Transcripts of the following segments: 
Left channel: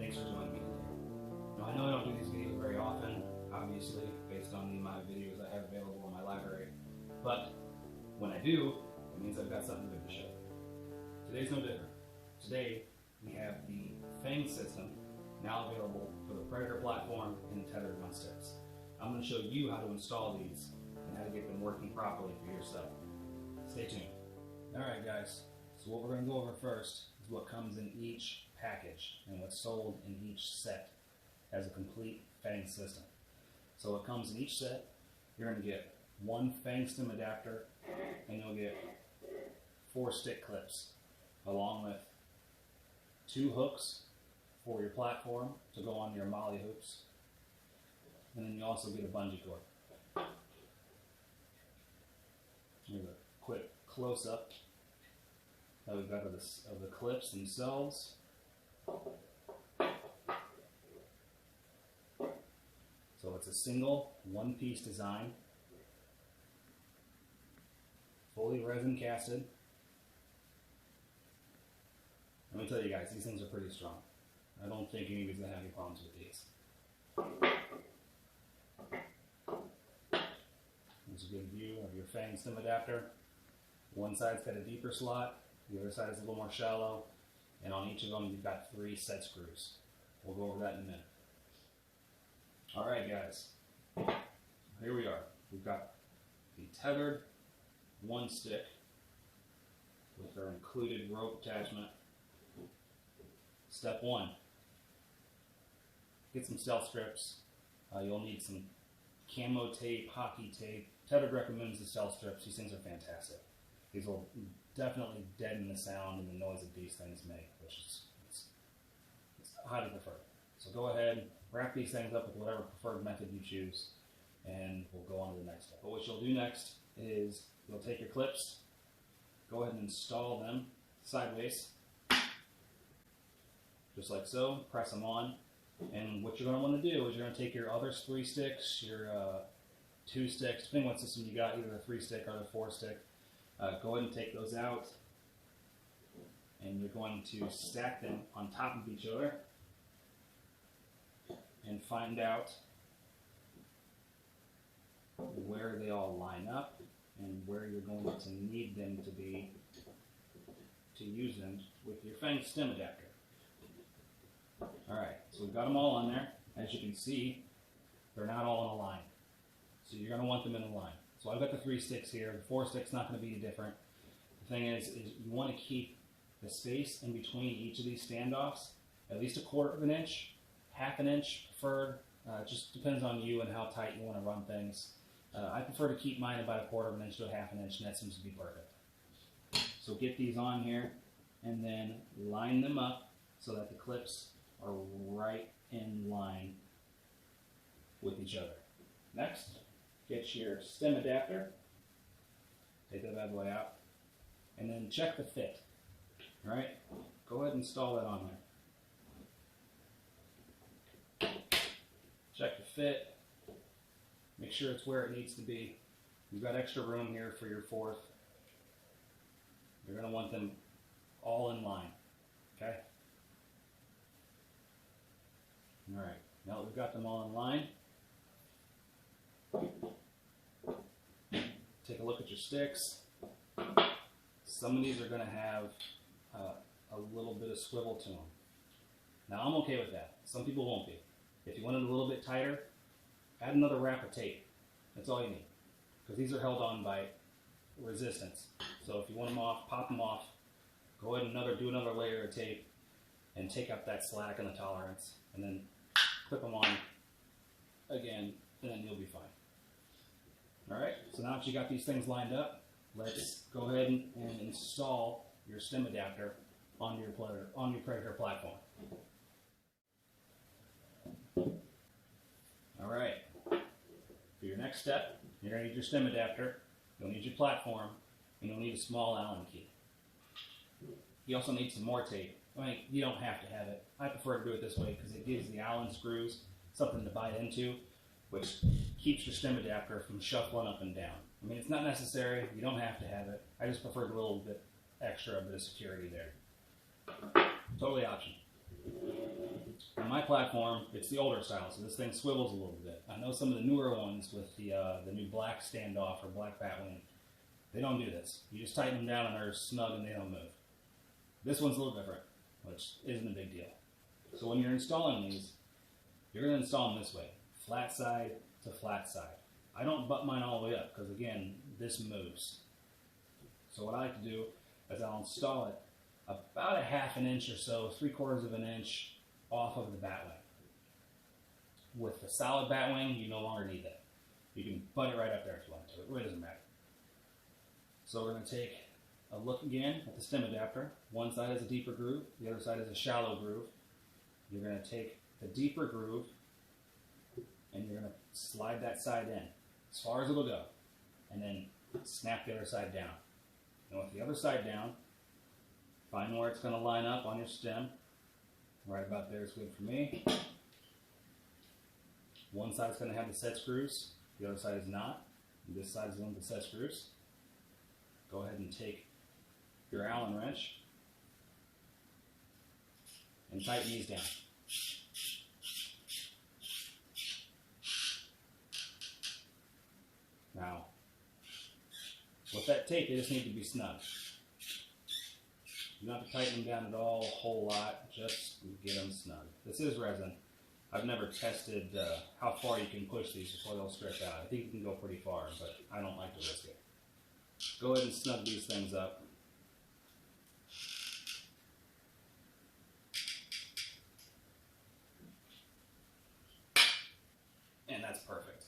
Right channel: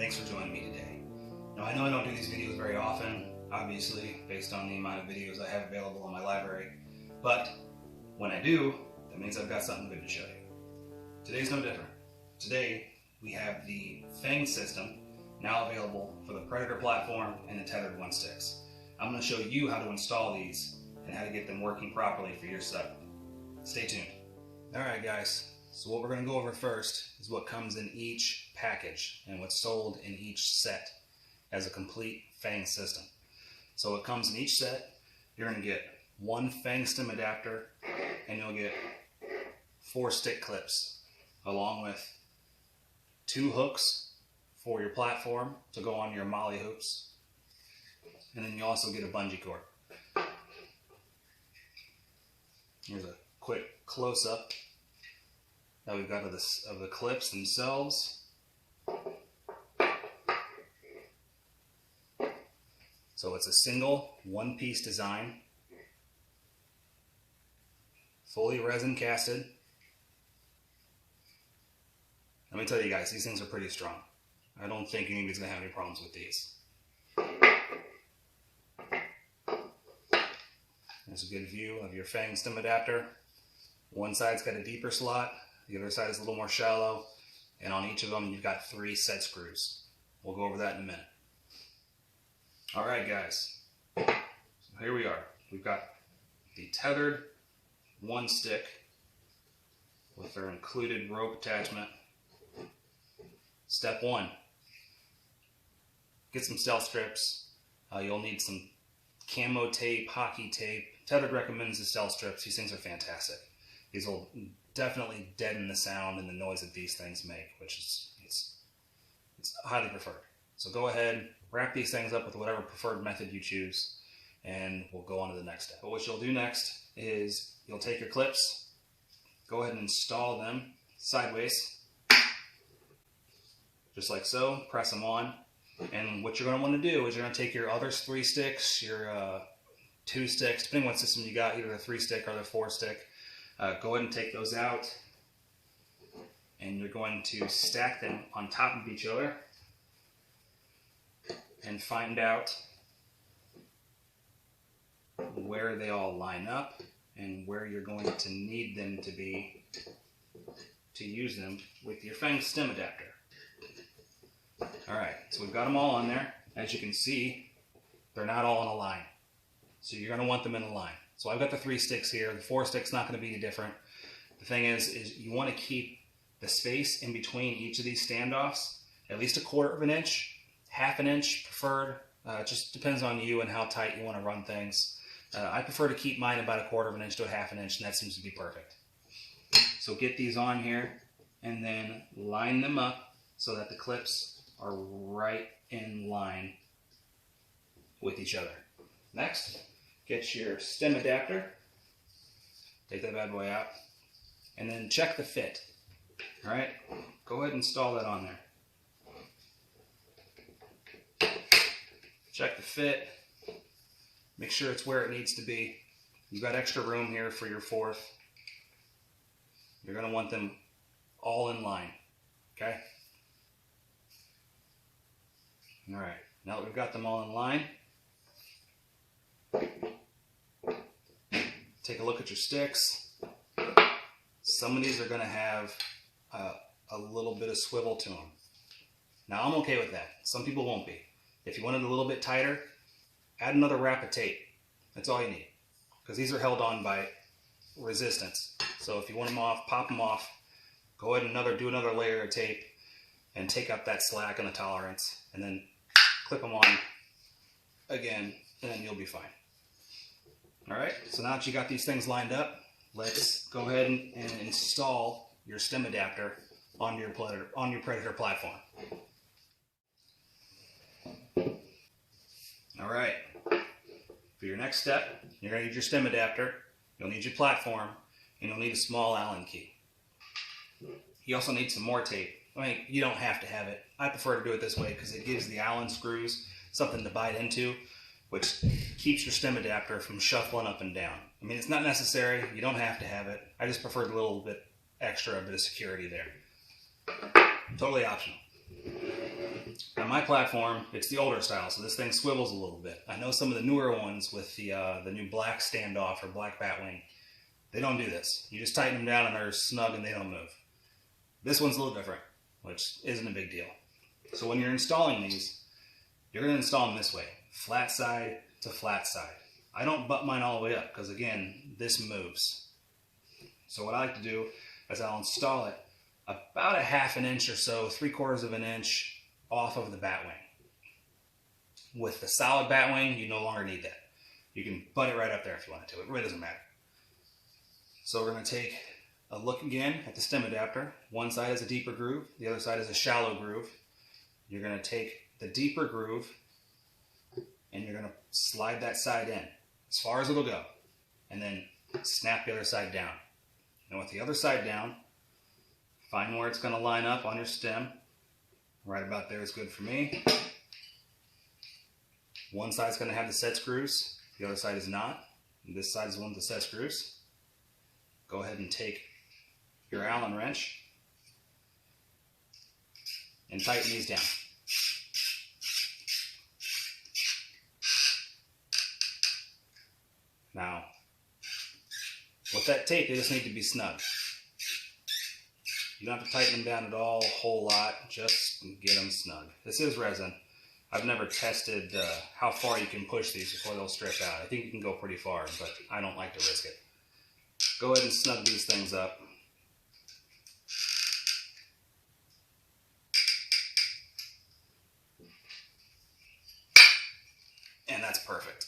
Thanks for joining me today. Now I know I don't do these videos very often, obviously, based on the amount of videos I have available in my library, but when I do, that means I've got something good to show you. Today's no different. Today we have the FANG System now available for the Predator platform and the Tethrd ONE Sticks. I'm going to show you how to install these and how to get them working properly for your setup. Stay tuned. Alright guys, so what we're going to go over first is what comes in each package and what's sold in each set as a complete FANG system. So it comes in each set. You're going to get one FANG stem adapter and you'll get 4 stick clips along with 2 hooks for your platform to go on your molly hoops, and then you also get a bungee cord. Here's a quick close-up that we've got of the clips themselves. So it's a single one-piece design, fully resin casted. Let me tell you guys, these things are pretty strong. I don't think anybody's going to have any problems with these. There's a good view of your FANG stem adapter. One side's got a deeper slot, the other side is a little more shallow, and on each of them you've got 3 set screws. We'll go over that in a minute. Alright guys, so here we are. We've got the Tethrd ONE Stick with their included rope attachment. Step 1, get some stealth strips. You'll need some camo tape, hockey tape. Tethrd recommends the stealth strips. These things are fantastic. These will definitely deaden the sound and the noise that these things make, which is it's highly preferred. So go ahead, wrap these things up with whatever preferred method you choose, and we'll go on to the next step. But what you'll do next is you'll take your clips, go ahead and install them sideways, just like so. Press them on, and what you're going to want to do is you're going to take your other 3 sticks, your 2 sticks, depending on what system you got, either the 3 stick or the 4 stick. Go ahead and take those out, and you're going to stack them on top of each other and find out where they all line up and where you're going to need them to be to use them with your FANG stem adapter. Alright, so we've got them all on there. As you can see, they're not all in a line. So you're going to want them in a line. So I've got the 3 sticks here. The 4 stick's not going to be any different. The thing is you want to keep the space in between each of these standoffs at least 1/4 of an inch, 1/2 an inch preferred. It just depends on you and how tight you want to run things. I prefer to keep mine about 1/4 of an inch to 1/2 an inch, and that seems to be perfect. So get these on here and then line them up so that the clips are right in line with each other. Next, get your stem adapter, take that bad boy out, and then check the fit. Alright, go ahead and install that on there. Check the fit, make sure it's where it needs to be. You've got extra room here for your 4th. You're going to want them all in line, okay? Alright, now that we've got them all in line, take a look at your sticks. Some of these are going to have a little bit of swivel to them. Now I'm okay with that. Some people won't be. If you want it a little bit tighter, add another wrap of tape. That's all you need. Because these are held on by resistance. So if you want them off, pop them off, go ahead and do another layer of tape and take up that slack and the tolerance, and then clip them on again, and then you'll be fine. Alright, so now that you got these things lined up, let's go ahead and install your stem adapter onto your Predator platform. Alright, for your next step, you're going to need your stem adapter, you'll need your platform, and you'll need a small Allen key. You also need some more tape. I mean, you don't have to have it. I prefer to do it this way because it gives the Allen screws something to bite into, which keeps your stem adapter from shuffling up and down. I mean, it's not necessary. You don't have to have it. I just preferred a little bit extra, a bit of security there. Totally optional. my platform, it's the older style, so this thing swivels a little bit. I know some of the newer ones with the new black standoff or black batwing, they don't do this. You just tighten them down and they're snug and they don't move. This one's a little different, which isn't a big deal. So when you're installing these, you're going to install them this way, flat side to flat side. I don't butt mine all the way up because, again, this moves. So what I like to do is I'll install it about a half an inch or so, 3/4 of an inch off of the batwing. With the solid batwing, you no longer need that. You can butt it right up there if you want to. It really doesn't matter. So we're going to take a look again at the stem adapter. One side is a deeper groove, the other side is a shallow groove. You're going to take the deeper groove and you're going to slide that side in as far as it'll go, and then snap the other side down. And with the other side down, find where it's going to line up on your stem. Right about there is good for me. One side's going to have the set screws, the other side is not. And this side is one with the set screws. Go ahead and take your Allen wrench and tighten these down. Now, with that tape, they just need to be snug. You don't have to tighten them down at all, a whole lot, just get them snug. This is resin. I've never tested how far you can push these before they'll strip out. I think you can go pretty far, but I don't like to risk it. Go ahead and snug these things up. And that's perfect.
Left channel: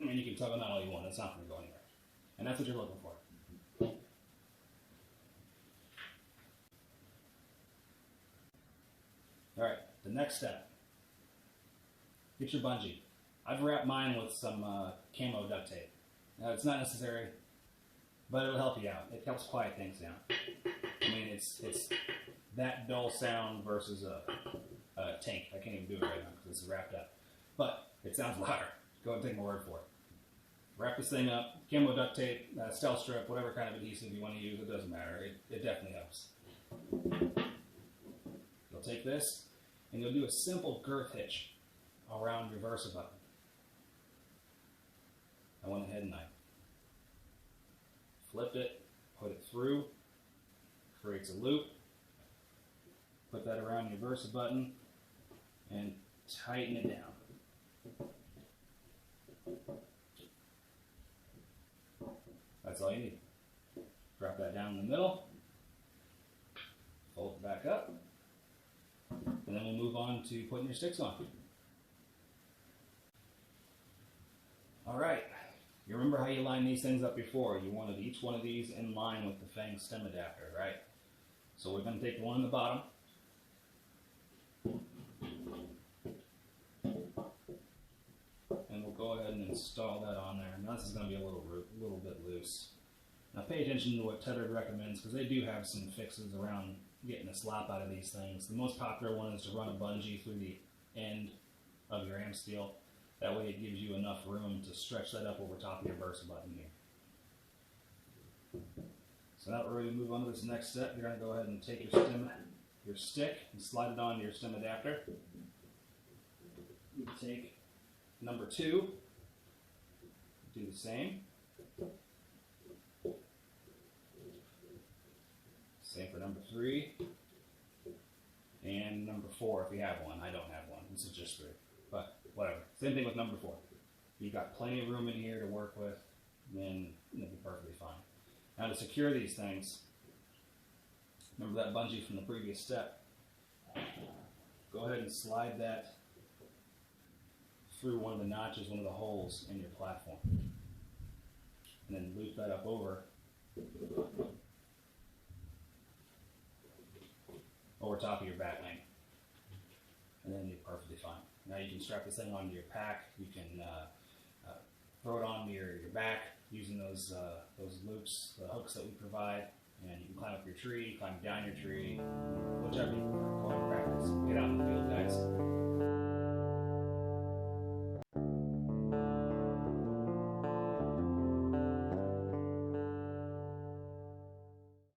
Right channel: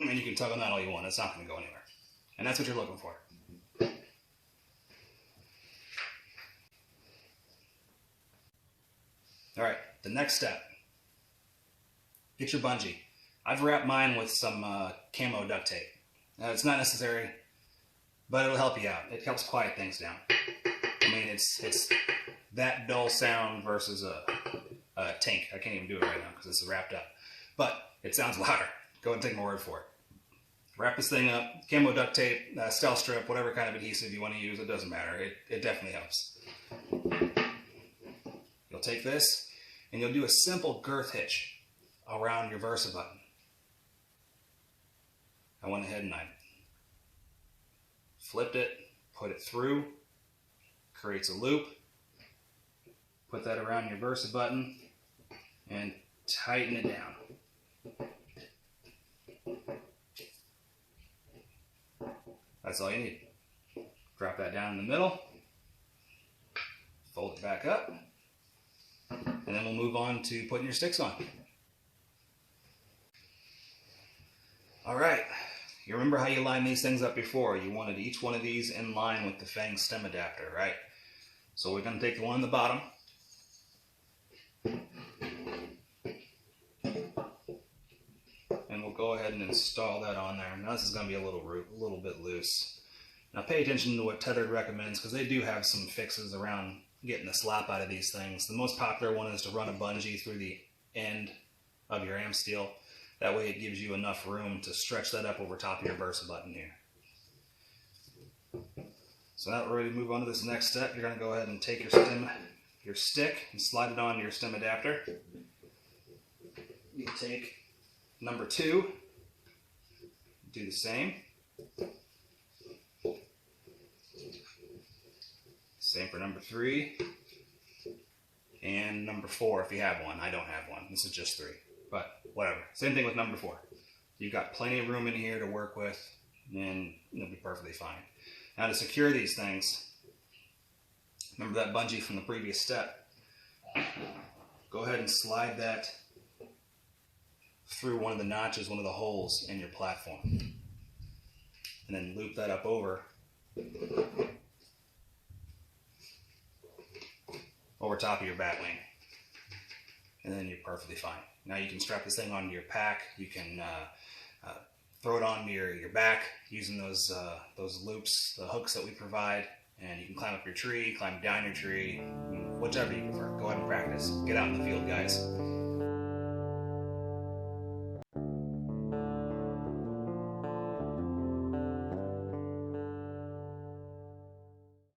I mean, you can tug on that all you want. It's not going to go anywhere. And that's what you're looking for. All right, the next step. Get your bungee. I've wrapped mine with some camo duct tape. It's not necessary, but it'll help you out. It helps quiet things down. I mean, it's that dull sound versus a tank. I can't even do it right now because this is wrapped up. But it sounds louder. Go ahead and take my word for it. Wrap this thing up. Camo duct tape, stealth strip, whatever kind of adhesive you want to use, it doesn't matter. It definitely helps. You'll take this and you'll do a simple girth hitch around your Versa button. I went ahead and I flipped it, put it through, creates a loop, put that around your Versa button, and tighten it down. That's all you need. Drop that down in the middle, fold it back up, and then we'll move on to putting your sticks on. All right, you remember how you lined these things up before. You wanted each one of these in line with the FANG stem adapter, right? So we're going to take the one on the bottom, and we'll go ahead and install that on there. Now this is going to be a little bit loose. Now pay attention to what Tethrd recommends, because they do have some fixes around getting the slop out of these things. The most popular one is to run a bungee through the end of your am steel. That way it gives you enough room to stretch that up over top of your Versa button here. So now we're ready to move on to this next step. You're going to go ahead and take your stick and slide it onto your stem adapter. You take number 2, do the same. Same for number 3 and number 4 if you have one. I don't have one. This is just 3, but whatever. Same thing with number 4. You've got plenty of room in here to work with, and you'll be perfectly fine. Now to secure these things, remember that bungee from the previous step. Go ahead and slide that through one of the notches, one of the holes in your platform, and then loop that up over top of your batwing, and then you're perfectly fine. Now you can strap this thing onto your pack. You can throw it onto your back using those loops, the hooks that we provide, and you can climb up your tree, climb down your tree, whichever you prefer. Go ahead and practice. Get out in the field, guys.